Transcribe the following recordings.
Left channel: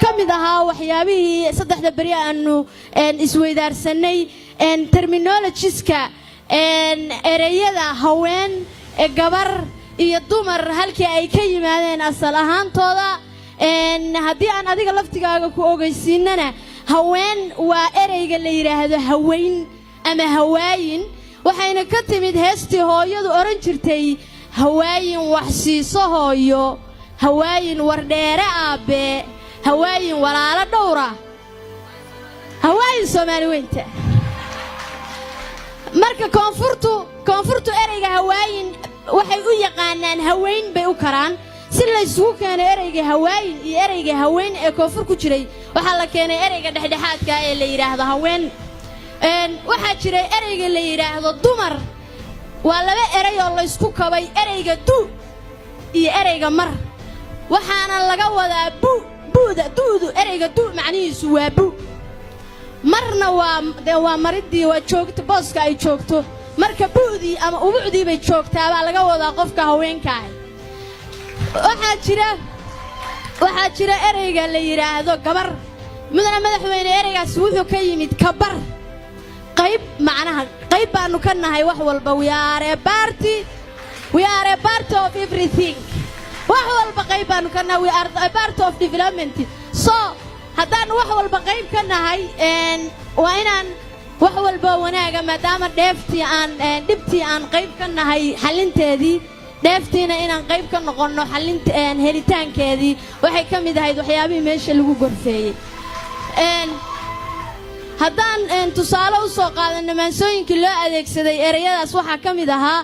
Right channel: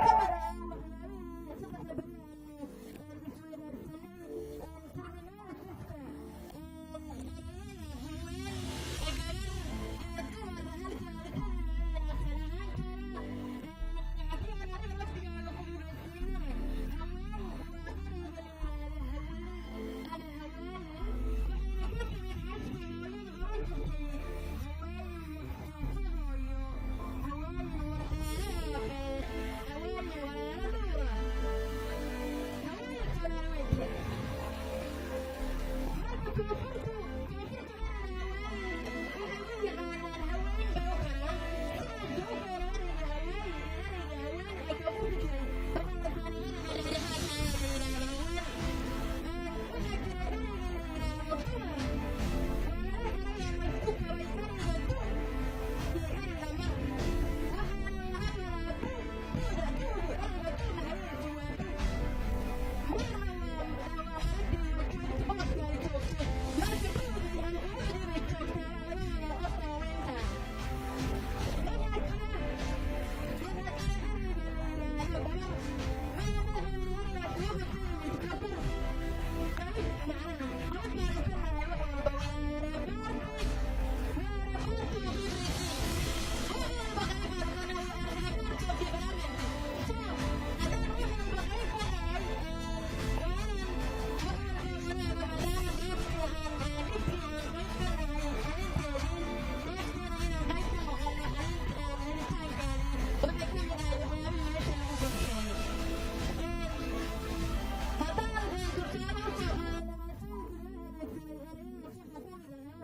kamid ahaa waxyaabihii saddexda bari aanu isweydaarsanay terminologies-ka ereyada haween gabar iyo dumar halkii ay ka yimaadeen asal ahaantooda haddii aan adiga laftigaaga ku ogeysiinana haween waa ereyga la yiraahdo haweyn ama hawaayin waxayna ka timid heestii hooyadu oran jirtay hawaayin wax siiso hooyo hawaayin wardheere aabe hawaayin walaalo dhowra hawaayin Soomaali weynta marka koonfurtu ereyga hawaayin waxay u yaqaanaan haweyn bay u karaan si la isugu keenay ereyga hawaayin iyo ereyga haweyn ee koonfur ku jiray waxa la keenay ereyga dhexdhexaadka ee la yiraahdo haween waxa jiray ereyga la yiraahdo dumar waa laba erey oo la isku kabay ereyga du iyo ereyga mar waxaana laga wadaa duudu ereyga du macnihiisu waa bu marna waa maridii waa joogto booska ay joogto marka buudii ama ubucdii bay joogtaa baa laga wadaa qofka haweenka waxaa jira ereyga la yiraahdo gabar mudana madaxweyne ereygaas wuxuu ka yimid kabar qayb baanu ka nahay wax walba we are a part of everything wax walba qayb baanu ka nahay we are a part of development so haddaan wax walba qayb ka nahay waa inaan wax walba wanaaga maadaama dhibtii aan qayb ka nahay xalinteedii dheeftiina inaan qayb ka noqono helitaankeedii waxay ka mid ahayd waxyaabihii meesha lagu gorfeeyey haddaan tusaale u soo qaadano maansooyinkii loo adeegsaday ereyadaas waxaa ka mid ahaa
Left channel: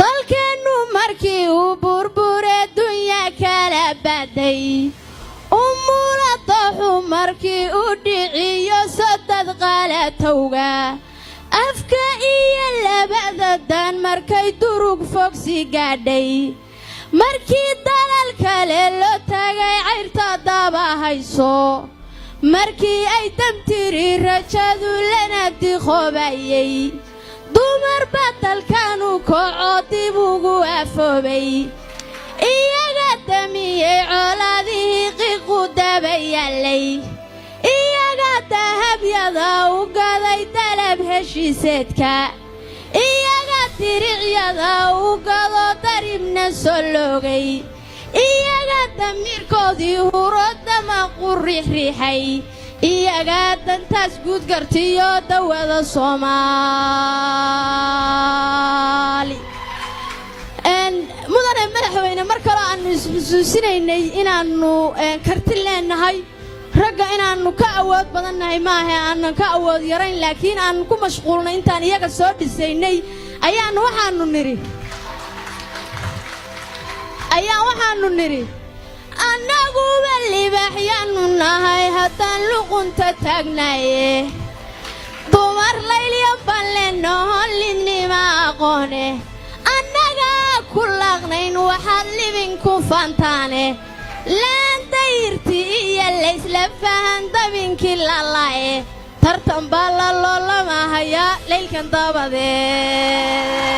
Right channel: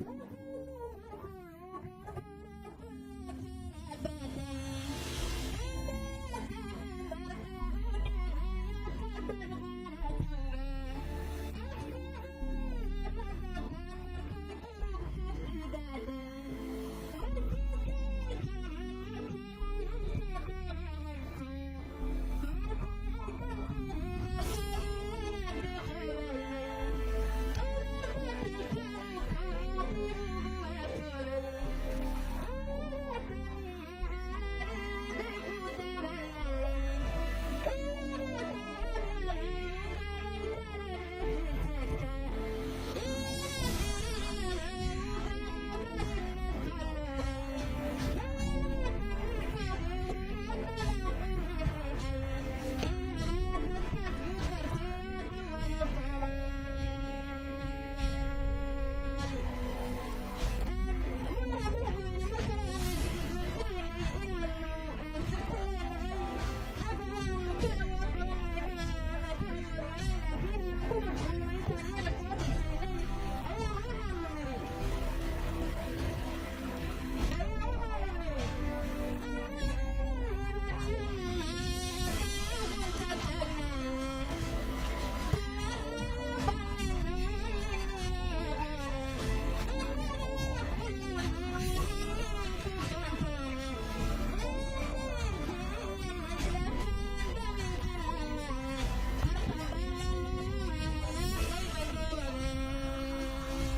dalkeennu markii uu burburee dunya kala baday umuladaxu markii uu dhiciyo sadad qaalatowga afka iyo labada daan markay durug fogsi gaadhay markii dalal kale loo tagay cayrta daba hayso markii ay damtiri rajadu lana diqoobayay dumar batalkanu kooco dib ugu afoobay iyaga damiyey colaadihii qiiqu dabayaalay iyaga dahabyada u gaday dalab heshiiseedka iyaga diricyada u gado daribna soo loogay iyaga damiirkoodii hurodama qurriixriixay iyaga dantaas guud gartiyo dawada Soomaali mudane madaxweyne mar kale aanu isxusuusinaynay inaannu karti leenahay ragga inaannu ka awood badannahay maaha aanan ka awood yarayn laakiin aanu ku mashquulnay intaan iyaga soo dhisaynay waxaannu nidhi annaguba libaaxyaannu nahay haddaan luqunta taagnaaye dumar laylyan baan leenahoon lidnima aqoone annagaa ku laaqnayn waxaad libinku faantaane laan dayirti iyo laysla fahan dabinkii lalaaye tartan baa la loolamahayaa laylkan dabadeed